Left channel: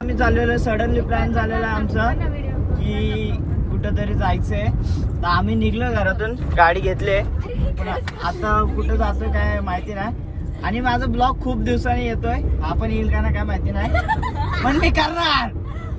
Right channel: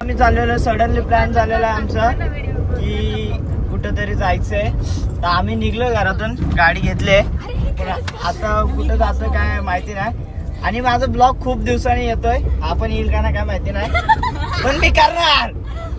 आम्ही चाललेलो, suddenly plan झालेला आहे आमचा की कुठंतरी जायचंय. तर आम्ही निघलो घरातून, गाडी घेतली, पण आता कुठं जातं काय माहिती नाही. आणि माझा ब्लॉग खूप दिवसांनी येतोय, आपण येईल का ना काय माहिती नाही, पण मी करणार,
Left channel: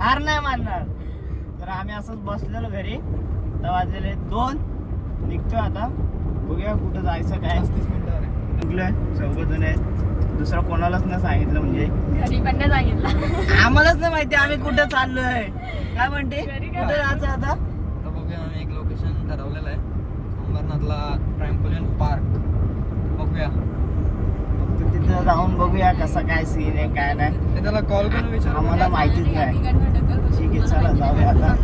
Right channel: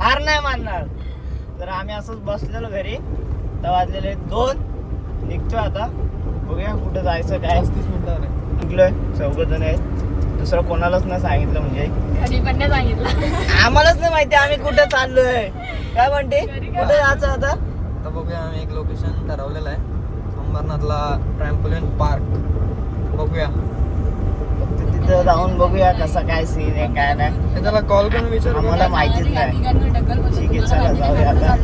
हार नाही मानणार. तर आम्ही असंच बसलेलो घरी, तर वाजलेले 2, निघतोय आता, बघूया कुठं जायचं काय. 35 मिनिटावर निघलोय, 4 जण आहेत, दुसरं कोणालाच नाही सांगितलं, म्हणजे घरी पण नाही सांगितलं, आम्हालाच नाही माहिती आम्ही कुठं चाललोय. काय म्हणते, कुठं जायचं आता? आता बघूया, आम्ही एक लोकेशन ठरवलेलं आहे, अंबरनाथला ट्रॅम्पोलिन पार्क. बघूया, फक्त तिथं जाऊन बघूया कसा काय सीन आहे काय नाही. त्याला कॉल करून विचार, आम्हाला माहितीच नाही. ठीक आहे, चला जाऊया आता.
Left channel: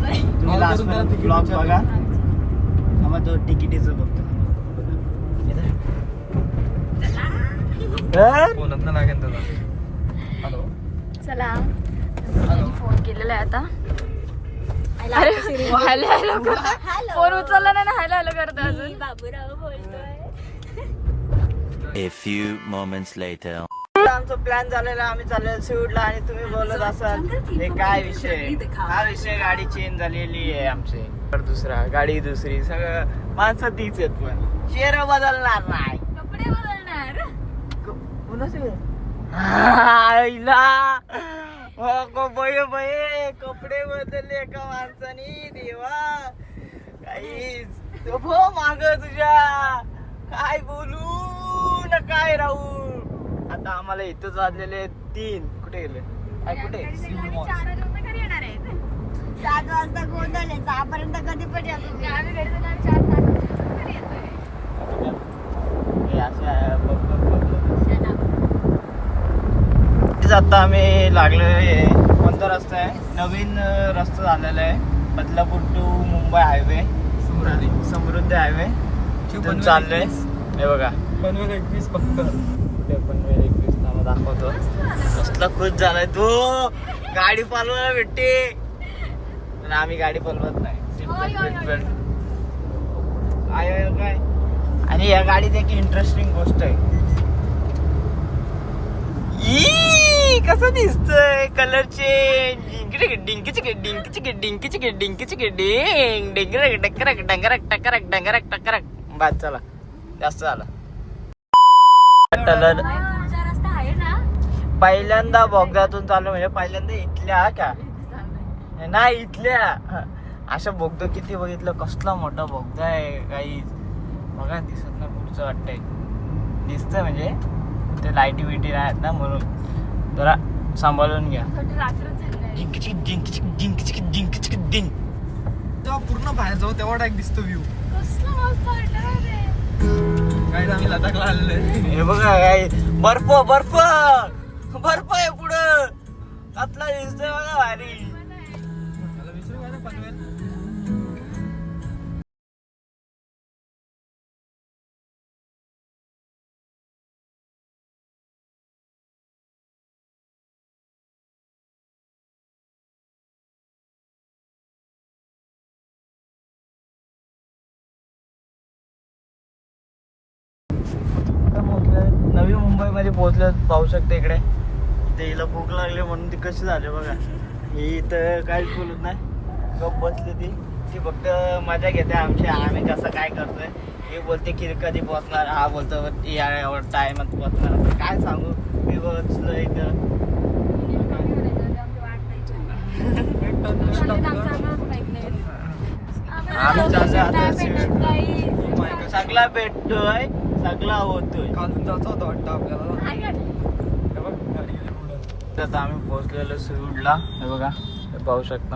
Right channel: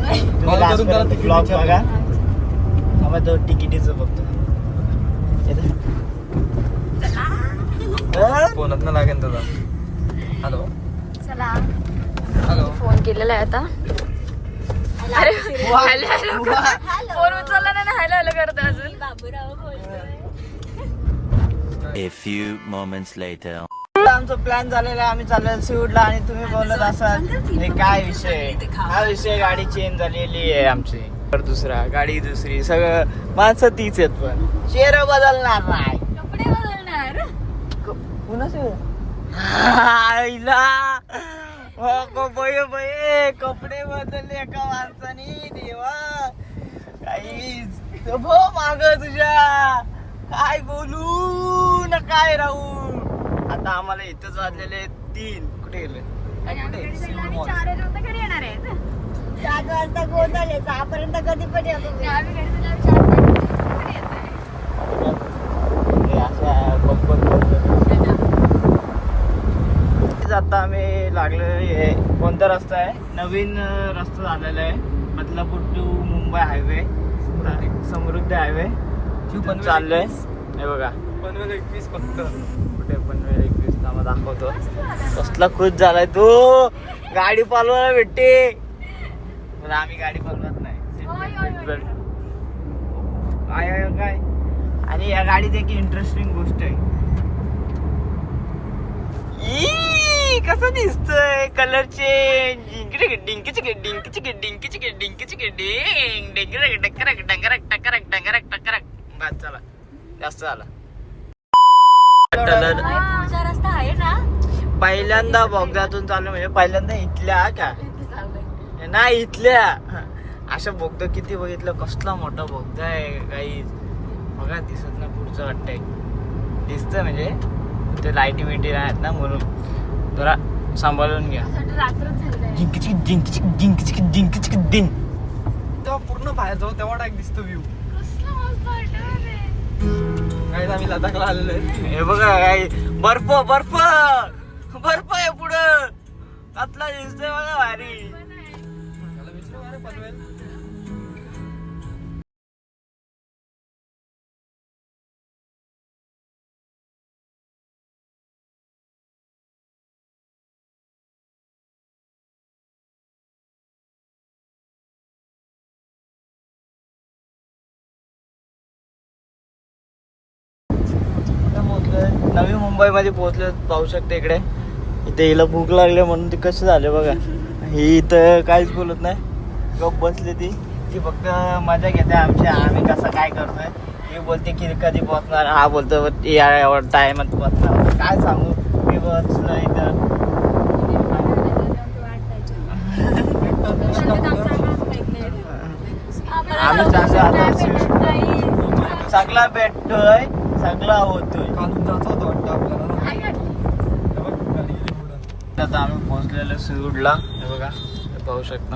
तुम्ही लास्ट पर्यंत ब्लॉग बघा. आम्ही तो तिकिटीचं बघतो. फोनात ना लागेल तुला. हॅलो चला, हॅलो, फोन केलेला आहे आता. अरे हॅलो हॅलो, फोन उचलला नाही, हॅलो हॅलो करतो अजून. A few moments later. आमचा प्लॅन झालेला, आम्ही चाललेलो सिवूडला, आणि तुम्ही बोलत असाल हे काय विषय. हा विषय, गाडी चेंज झालेली आहे आमची, तर दुसरा गाडी दुसरी, सगळं माणसं तीच आहेत, पण चेहरा बदलणार नाही. कपडे बदलणार. पुन्हा कपडे बदलले एका माणसानी, देवा काहीच माग तुझ्या, काय बोलू ना काय राहू. आता आम्हाला इथंच वाजलेले 3. कुठे गेले काय, कुठे 4 वाजता घरी येणार आहेत. 7 वाजता गोंधळ आहे, 6 पर्यंत कधी पण येतो मी. आम्ही घरी जाणार 4 वाजता घरी येतोय. आता आम्ही लागलोय, कोणता रस्ता आहे, नवीन रस्ता झालेला आहे, Badlapur to Mumbai highway, Samruddhi highway. तिथून चाललोय. हे बघा, पनवेल 21 फक्त. कुठे पनवेल 21 नामा दाखवतो. कसला खुश झालाय तू, गाडी पालवायला भेटते. पण आम्ही गाडी पालवत नाही, सीट बेल्ट काय. आणि या गाडीत एक इंटरेस्टिंग गोष्ट आहे, कसं दिसतंय कलर चेंज. डिंकीची बाद झाला, जास्त झाला. कलर रस्ता आहे ना, पहिल्यांदा बोगद्यातून चाललो, म्हणजे पहिल्यांदा इथल्या का नाही, इथल्या अशा बोगदा किती बघितलं, कसला मोठा बोगदा आहे काही बघा, दिसत ना पुढचं वाटतंय, दिसतंय म्हणजे ते लाईटी बिटी आहेत ना, म्हणून जरा सांभाळून घ्या. तेव्हा पूर्ण बाहेर जाऊ तेवढा एक दिसतो व्ह्यू. काय आम्ही लडाखला आलेलो आहे. हे बघा काय, बर्फ बर्फ बर्फ आहे पुढं, आपला दिसतोय बघा भारी. पनवेल नवी मुंबईमध्ये पोहोचलो, पाहू शकते इकडे. इथे हिला भूक लागली म्हणून ती कशी झाले बघा. ही इथं काहीच बोलत नाही, गप बसली ती फक्त मजा घेते आमची, आम्ही कसं काय करतोय. ही बोलते की कधी पोहोचणार, हा बोलतो एवढा टायमात पोहोचणार. काय सांगू, मी बसलो इथं. आम्ही चाललो आता, सगळा भेटतोय, सगळा होतोय. काढून जायचं होतं वाटतं आपल्याला. आता आम्ही पोहोचलेलो सिवूडला. हे बघा, हे पाहू शकता,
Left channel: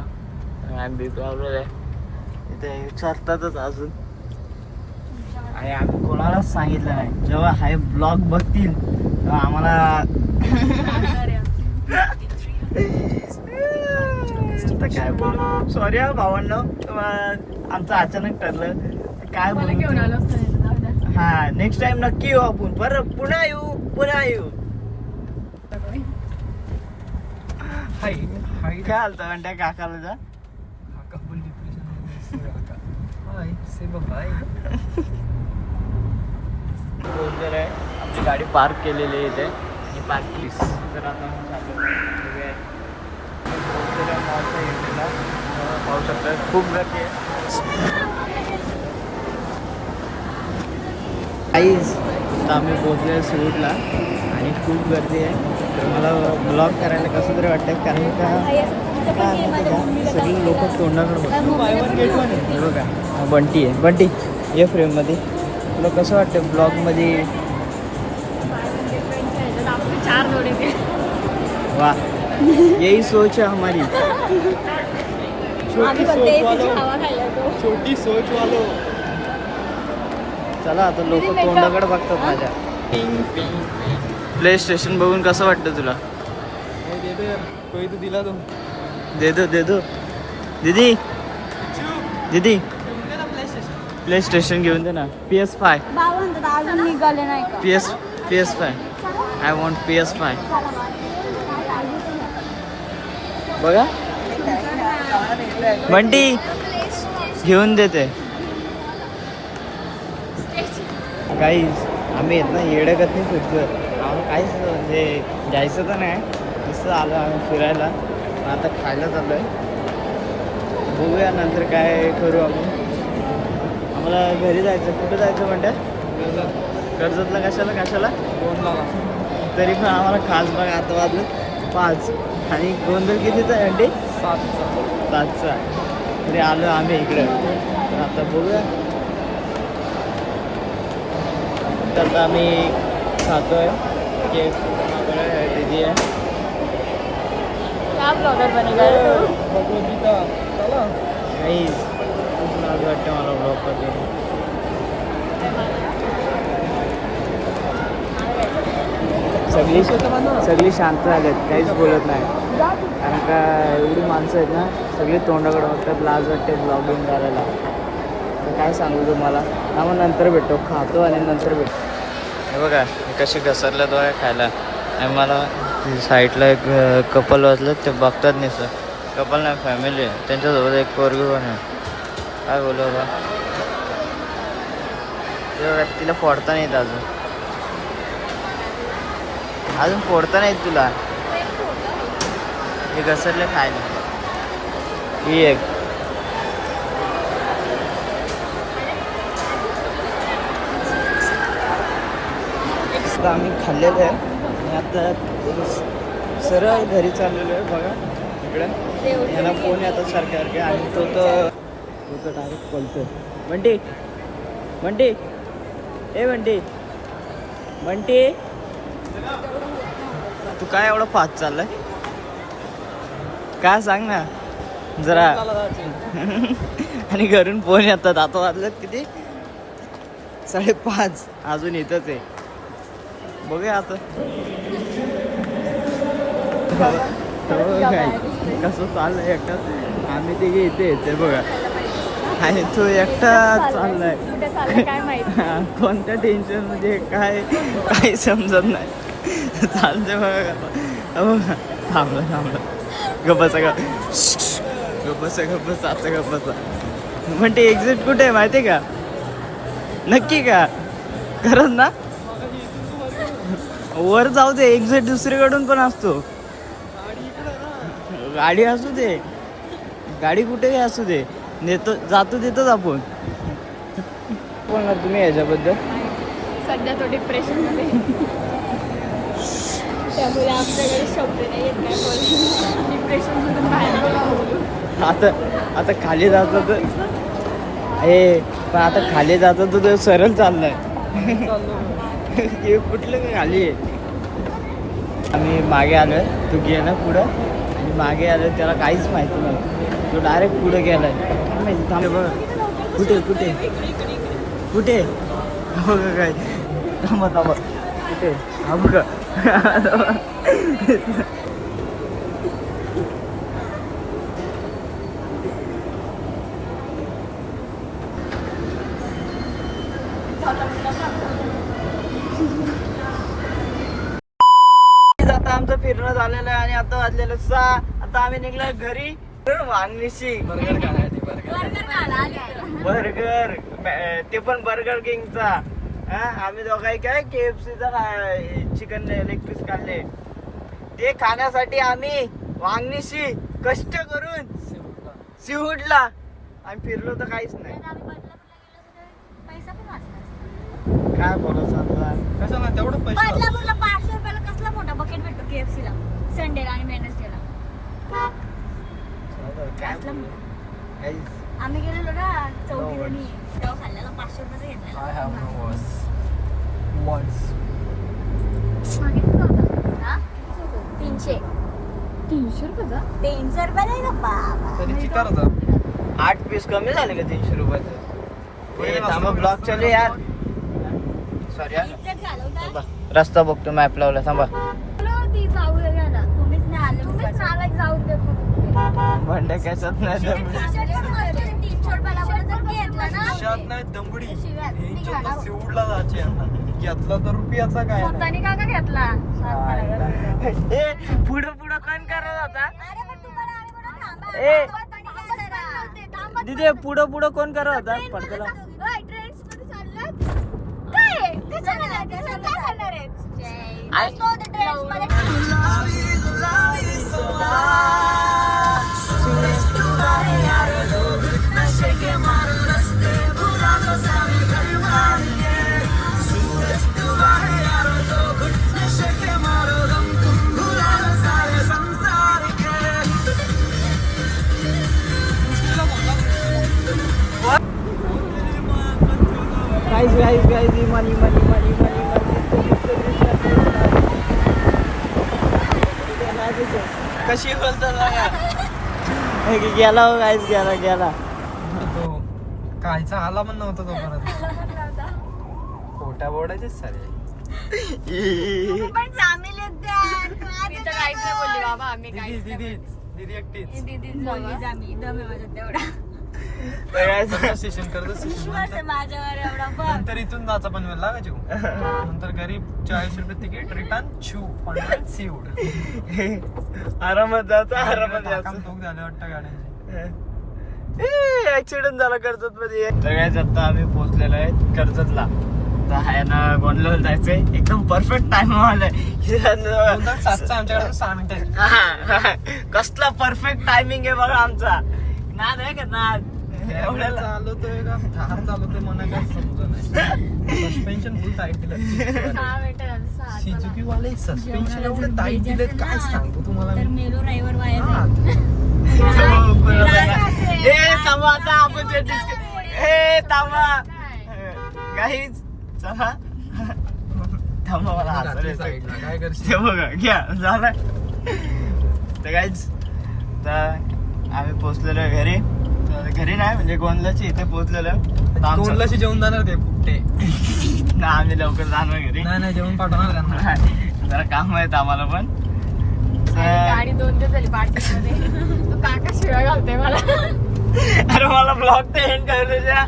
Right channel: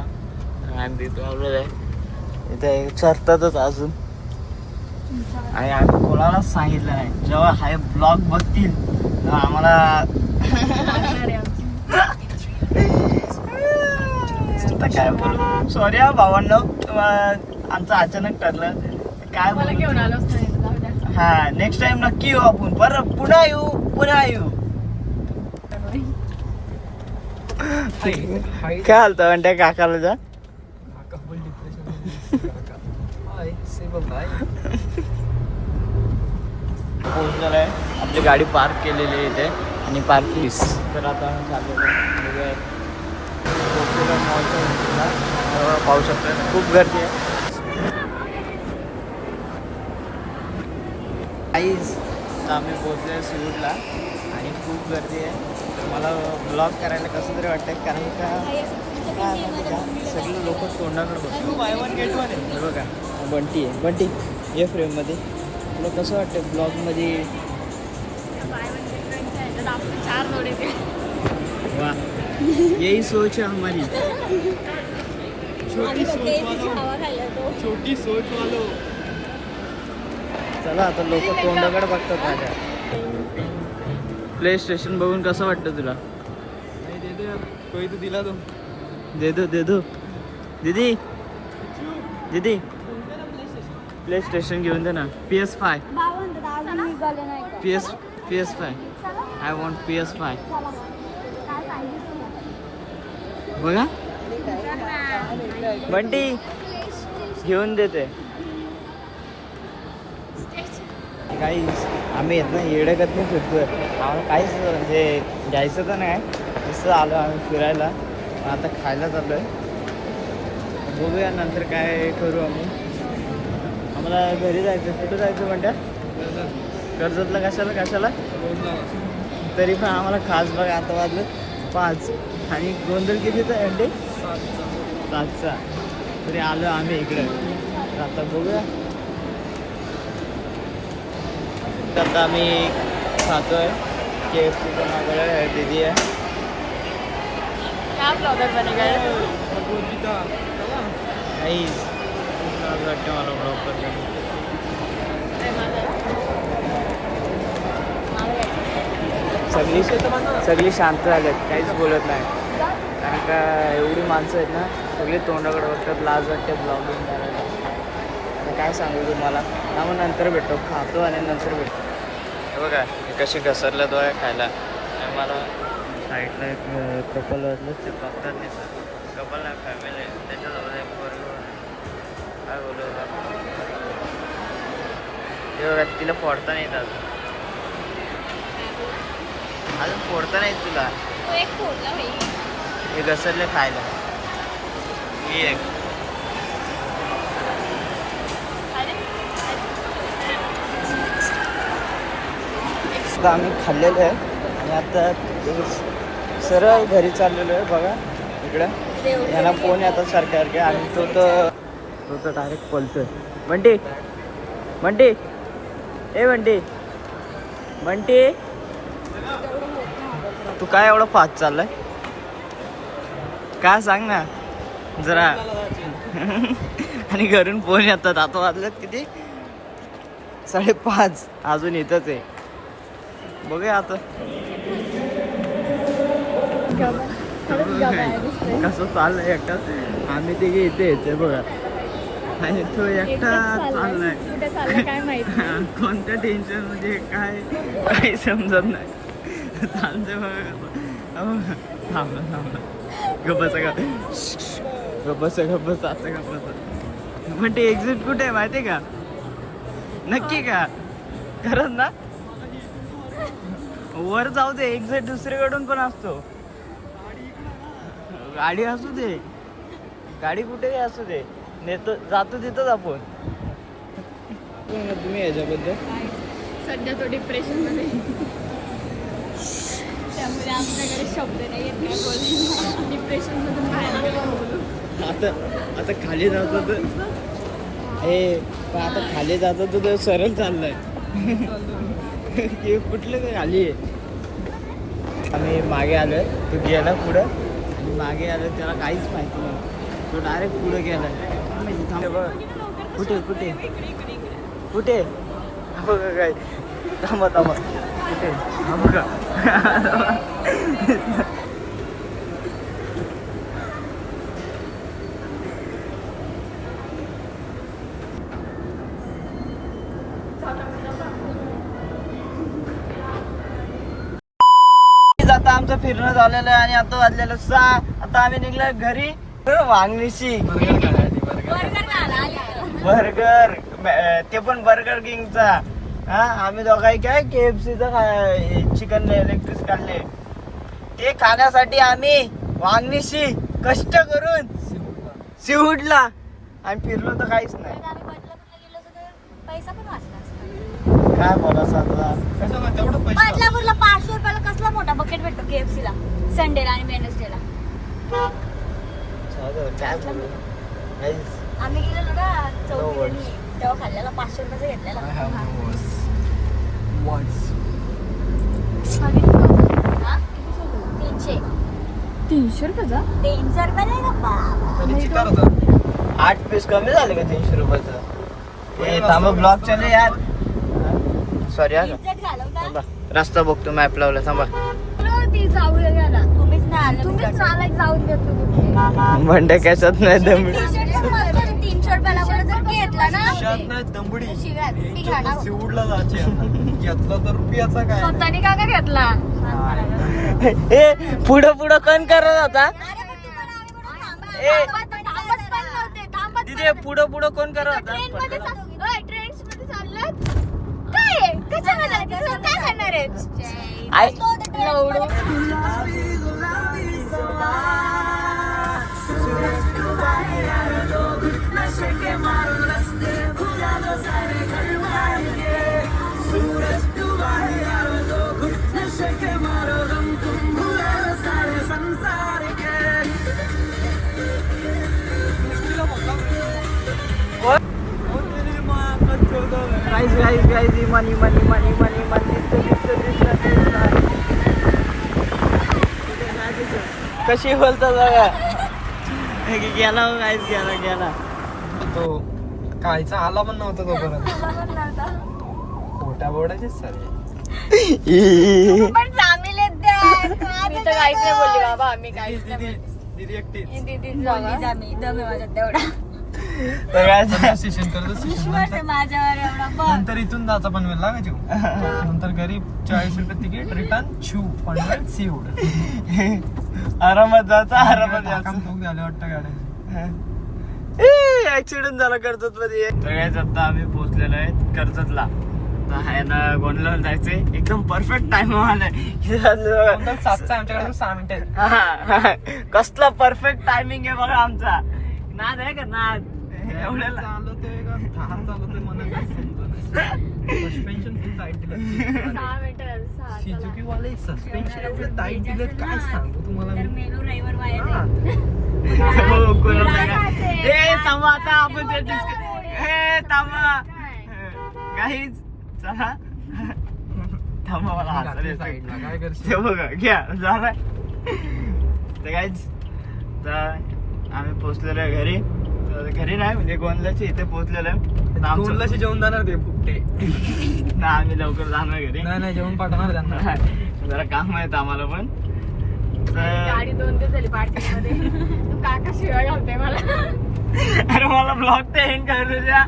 आम्ही लावलेलं आहे इथे, चरतातच अजून. आणि आम्ही कोणालाच सांगितलं नाही, जेव्हा हा ब्लॉग बघतील तेव्हा आम्हाला आता काय बोलू, सॉरी हा भावांनो, आमचं अचानक ठरलं, काय बोलू. हा, नेक्स्ट टाइम नक्की येऊ आपण, परत पुन्हा येऊ. काय हालतं म्हणते काकाला जा. कपल डिप्रेशन हाय से बघ हाय पोहोचलेलं आहे. आपली गाडी पार्क केलेली आहे इथे आणि पार्किंग तर आता चाललेलं आहे पोहोचलेलं मॉलच्या एंट्रीला. पाहू शकता खूप गर्दी आहे. आईज आता आम्ही पोहोचले सूटला आणि खूप गर्दी आहे. तर मला ब्लॉग करायला कसं तरी वाटतं कारण का काय माहिती का सगळे लोक तोंडाकडे बघतात. हे बघा हा बंटी आहे. बंटी ये फ्रेममध्ये. तुला कसं वाटतं ब्लॉगमध्ये? आपके 4 लोड़े के वाह यही सोच है हमारी. छोटी सोच वालो. छोटी सोच वालो. चला आता लोक तोंडाकडे बघतात माझ्या. प्ले स्टेशन बघून कसं वाटतं तुला? कोई तो दिला तो दे दो दीदी दीदी प्ले स्टेशन घेऊन दे ना. PS5 अजून निघाले नाही का? PS5 I want PS5. बघा बंटी घेऊन देते. काही आम्ही येत ना येडगत नाही फिरतोय. आम्हाला काहीच म्हणजे घ्यायचं तर नाही. नुसतं आलो आम्ही फिरायला. पण आता खायला चाललो आहे. बघूया नंतर काय करू आम्ही. आम्हाला घरी जायचं. कुठं जायचं म्हणत्या? कर्जतला. कशाला तरी पण आम्हाला खास बघा आता वाजलं 5 आणि गोंधळ कितीचा आहे अंडे? 7चा. तरी आलो आम्ही इकडं. तर आता बघूया. तर आता आम्ही खातोय केक. दीदी आहे. क्या ब्लॉगर बनेगा रे तू? काही खूप लाज वाटते मला ब्लॉग करताना. सगळी शांत झालेत. काहीच बोलत नाही कारण का एवढी माणसं आहेत ना सगळी तोंडाकडे बघतात. लाज वाटते ब्लॉगिंग करायला. आता काय सांगू तुम्हाला ना. मग नंतर भेटतो. खातो आणि नंतर भेटतो. हे बघा हे कसे घसरल्यात बघा खायला. आणि मला साईडला एक कपल वाजलं ते बघतात नाही सर. कपल नाही फॅमिली आहे. त्यांच्यासोबत एक पोरगी पण आहे. काय बोलू बघा ते बघा तिला फोडता नाहीत अजून फोडता नाहीत तुला. हे घसरले खायला. ही एक आम्ही खाल्लेलं आहे आणि आता सरळ घरी चाललेलो आहे. बघा इकडे याला फोन येतात सारखे आणि तो तर डायरेक्ट पळतोय. बंटी ए बंटी तू काय एवढा फास्ट चाललाय? काय सांग ना जरा. आणि घरून फोन येतात. आता वाजलं किती? 5:30. अजून येतच आहे. बघूया आता कसं चाललंय एकटाच. आम्ही तिघे येते बघा आणि तो एकटा चाललाय. काय माहिती कोणत्या टेन्शन मध्ये काही समजत नाही. चालते बघा. थांबला गप्पसा म्हणते एक्झिट कुठे आहे माहिती का? नक्की का? खरंच ना? वर जाऊ दे. एक्झिट दुसरीकडून पण असतो. गाडी असू दे. गाडी कुठेही असू दे. जातो देतोच आपण. बोलणार तुम्ही याच्याबद्दल? सध्या तो डिप्रेशन मध्ये त्यामुळे आमच्याकडे शब्द नाही येत काय बोलायला. डिप्रेशन मधून बाहेर आता खाली जातो तर हे पण आता खाली जातो तर सरळ चाललाय. कुठलं काय खाली आहे? आम्ही मागे आलोय. तू गेला पुढं आणि मागे आलोय. त्याला काहीच माहिती नाही. तो डायरेक्ट पुढं गेलाय. कुठे काय? थांबा कुठे? हा बघा आता आमचं फिरणं झालेलं आहे आणि आता वाजलेलं 6. आता आम्ही निघलो घरी वांगणीशी बर्गर खाण्यासाठी बर्गर ते पण बर्गर किंगचा. हा आम्ही दोघांनी काय KFCचा चिकन लेग पीस काढले ते खाण्यासाठी आम्ही वांगणीशी कष्ट करून सीवूडला आणि फिरलो तर काहीच नाही. पैसा पण वाचला असता. काय बोला सांगा कशाला तेवढं पैसे बदलापूरला 500 रुपयाला कसला मोठा बकेट भेटतो KFC ला संडेला आणि वेडनेसडेला. काय बोलू काहीच. आम्ही गेलेलो ना चौघीजणी तेव्हा खाल्ल्याला 500 रुपयाचा घेतलेला. हा? 300 300 रुपयाचा 300 रुपये नाही गप्पा. आणि चिकार होता 8 पीस कमी झाले का 300 रुपयाचं. हे थांबा ब्लॉक चालू यार. सॉरी यार इज्जत घालवता. थांबा रस्ता बघतो मॅप लावला थांबा. ती जाऊ द्यायला तुम्हीच नाही आले. तुम्हीच मला जाऊन देत होते. भंडे कशात नाही दम. 300 रुपयाला जर घेतला ना शात नाही दंबडी शिव्या, इज्जत सिवूडला जायची यांना. घेतला तर रुपयाचा काय स्वतःनी का का घेतला हे पुढं पुढं कोण करत होता. अरे पण तुम्हाला आम्ही कुठं थांबा. ए थांबा. तिथे पुढं पुढं कोण करत होता पडद्याला? आय गाईज मनी कशी बोलतो बघा. गेला हो गाईज गेला. तो कायचा आला पण नव्हता तो परत खोट्या बोर्डाचीच सारे पण सामील आहेत त्या. मी तर काहीच नाही बोलली बाबा आम्ही काहीच नाही दीदी एकटीच बोललीच आम्ही. दम आहे माझ्यात तेवढा. सेशन करत विश्वास आहे माझ्यावर एवढा. बघ. नंतर इथून जायचा पण वेळ लागायची नंतर घरी 40 रुपये तिकीट रिटर्न सीवूड आरामात जाता आरामात काम खूप झाले वाटतं गाड्यांचे ऍक्सिडेंट झाला कर्जत मध्ये. सगळ्यात आता आम्ही पोहोचलेलो आहे कर्जतला. आता आहे ना गोंडला जायचंय एकदम परफेक्ट टाइम आलाय. आमच्याकडे 6 मिनिटं कसला परफेक्ट टायमिंग आहे बघा आमचा. नाद आहे का नाद एवढ्याला चालवतोय का थार चालवतोय मला काय सस्पेन्शन फुल टाईट दिलं 6 मिनिटं झाली, 6. सुझुकी वाले सस्पेन्शन एवढं टाईट दिलेत काय सांगतो तुम्हाला तर मी. मेलो ड्रायव्हर वाया हा. हे थांबा आता आपण हे थांबा काहीच चला थांबा मला हसायला घातली येतंय. साईडला, काय करशील ते बघा घ्या झालं तर काहीच तर आम्ही पोहोचलेलो आहे घरी. तर घरी नाही म्हणजे गोंदलाच्या इथे पोहोचलेलो आहे. तर आमचं दोनलाशी जेवण जाणार ते फुकटे ना आम्ही लवकर जाणार घरी. नाही जेवण पाठवणार त्यांना जरा काम आहेत आम्हाला पण. गाडी 2 दिवस झाली पार्टीमध्ये. तो काका शिवाय घालतोय मला. अरे मला ब्लॉग ते एंड करायला द्या.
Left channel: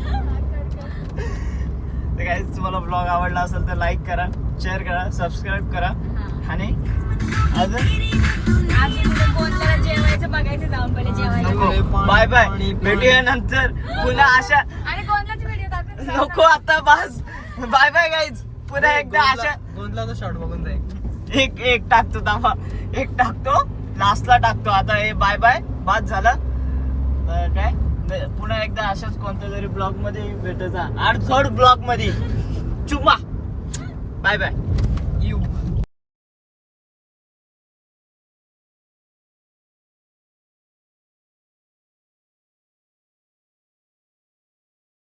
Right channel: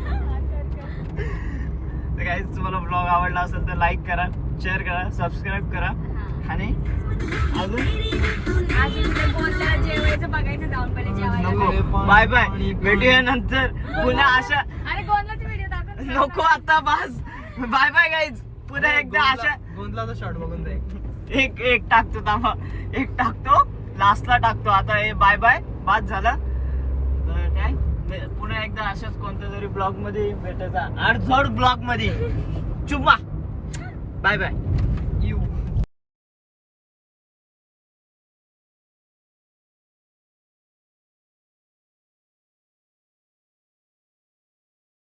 तर काही तुम्हाला ब्लॉग आवडला असेल तर लाईक करा, शेअर करा, सबस्क्राईब करा आणि अजून आज उद्या कोणत्याला जेवायचं बघायचं जाऊन पहिले जेवायला. बाय बाय भेटूया नंतर पुन्हा अशा. आणि कोणाची व्हिडिओ दाखव नको आता बस बाय बाय गाईज. पुन्हा एकदा अशा गोंधळाचा शॉट बघून जाईल. एक टाकतो थांबा. एक टाकतो लास्टला टाकतो. आता हे बाय बाय बाद झालं तर काय पुन्हा एकदा अशाच कोणत्या तरी ब्लॉग मध्ये भेटायचा. 3rd ब्लॉग मध्ये चुम्मा बाय बाय.